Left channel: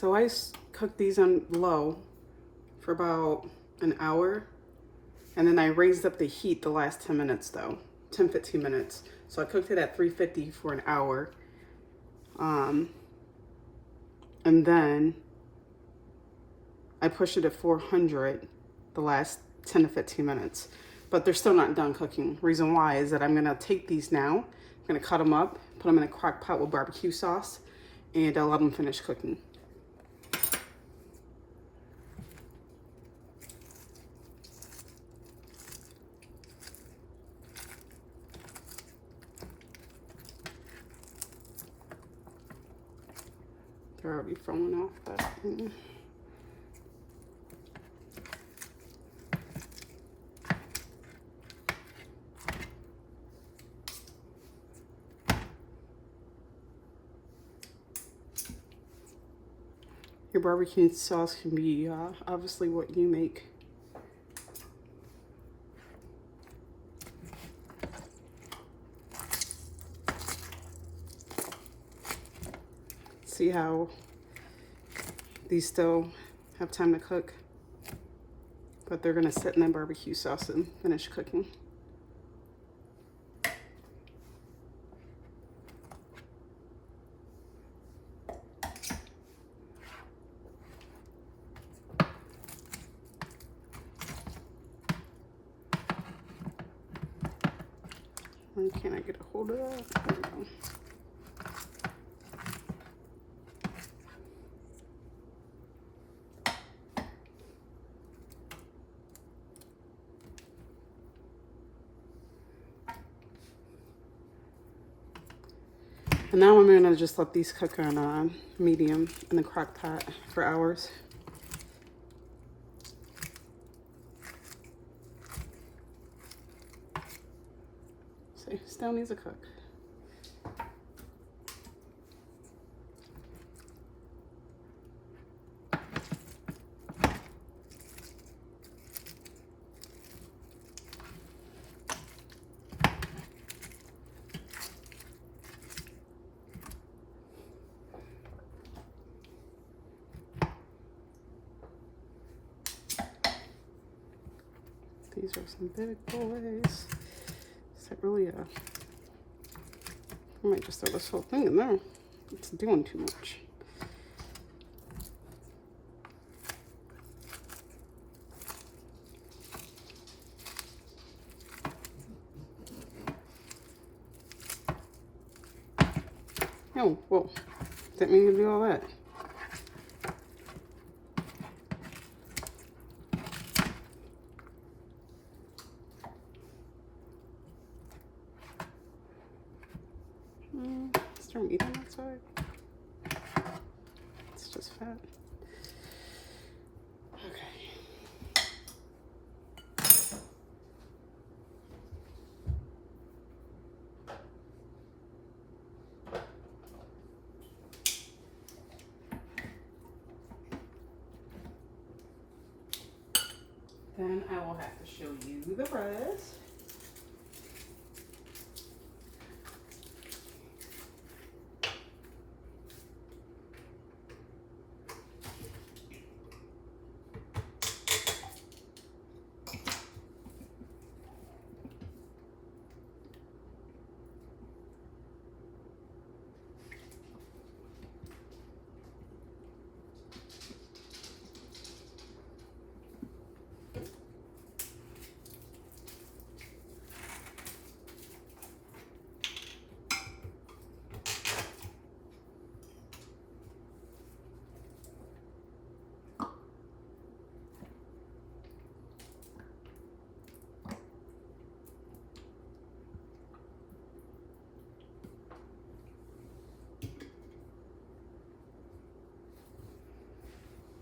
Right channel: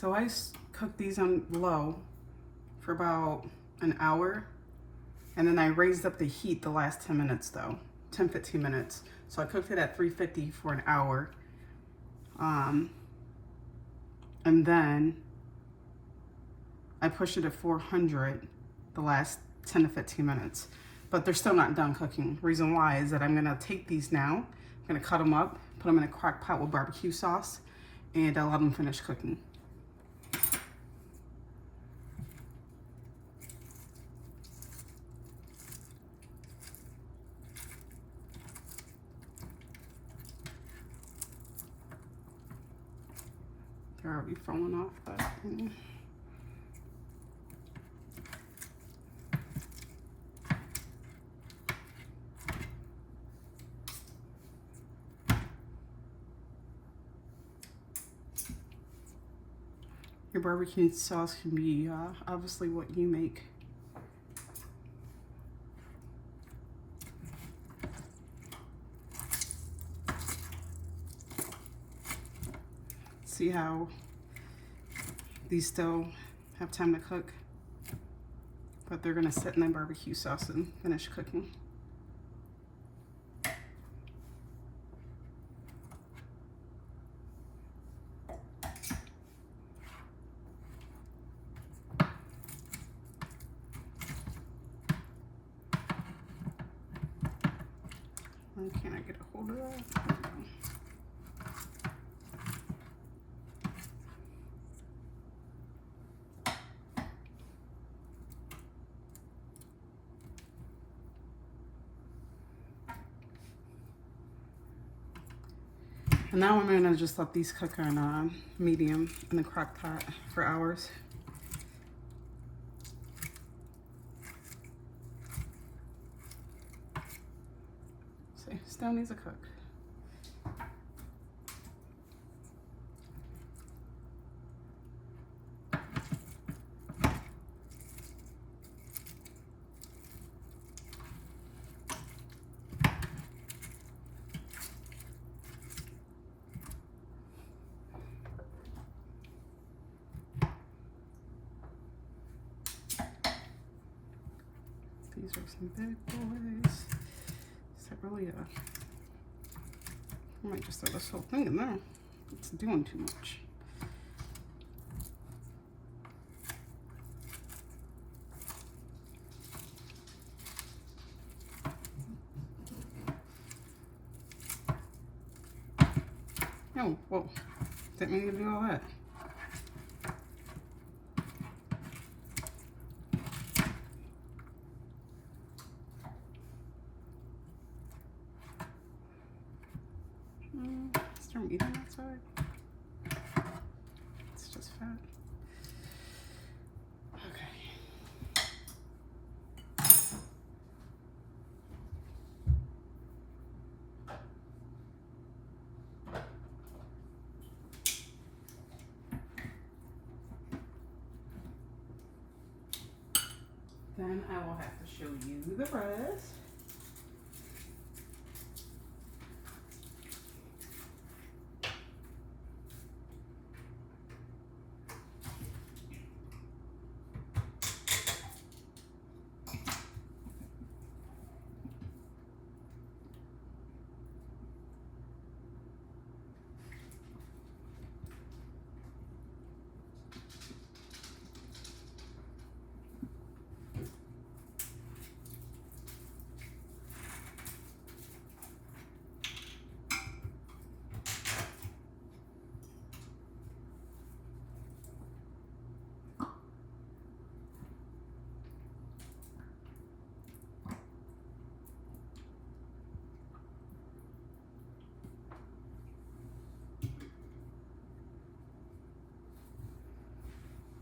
So I cooked these on low for about an hour, and then I raised up the heat the last 10 minutes though, 10-15 minutes. So I cooked it at 350 for an hour. And then I pushed it at 400 the last 10 to 15 minutes. But they're still not done cooking. Reason why is that I'm gonna take these now, I'm gonna cut them up, put them in a crock pot with barbecue sauce, and I'll let them finish cooking. They're already falling off, but your barbecue sauce can be obviously what you make. See how these still have time to cook, but they're gonna sit in that barbecue sauce and finish cooking. Can I get a hold of it? There we go. And now I'm gonna just let these cook on medium in the crock pot for hours. See, still needs a cook. These are some big boys. Is that really I might just throw this whole thing in there. It's doing too much. Oh, whoa. Didn't mean to do all that. Start eating that side. It's just fat. Okay. Then I will have to show you the rest.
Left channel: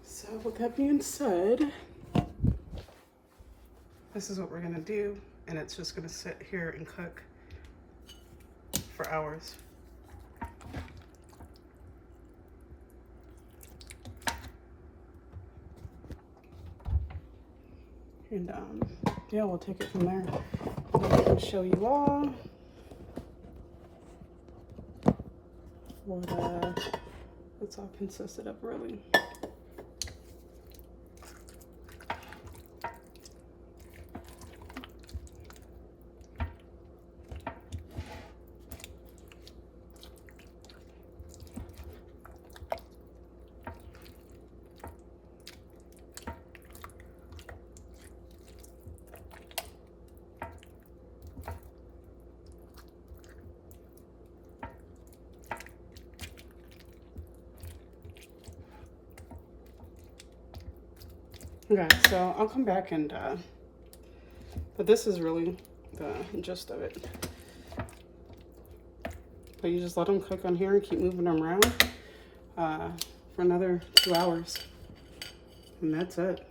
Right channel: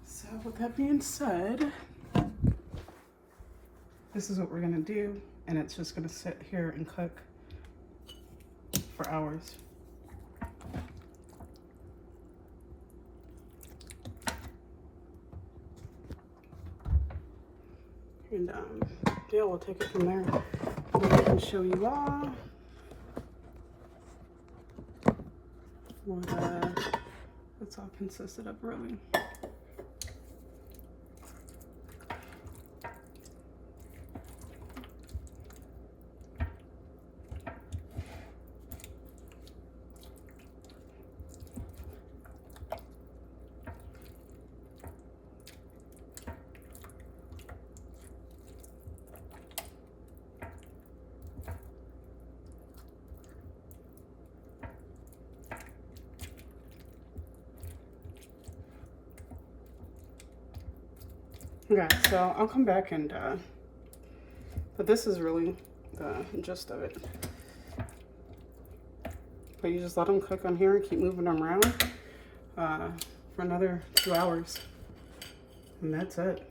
So with that being said, this is what we're gonna do, and it's just gonna sit here and cook for hours. And yeah, we'll take it from there. And then I can show you all That's all consisted of, really. Okay, so I'll come back and, but this is really the gist of it. But you just let them cook on here and keep moving them around for another 2 hours. And that's it.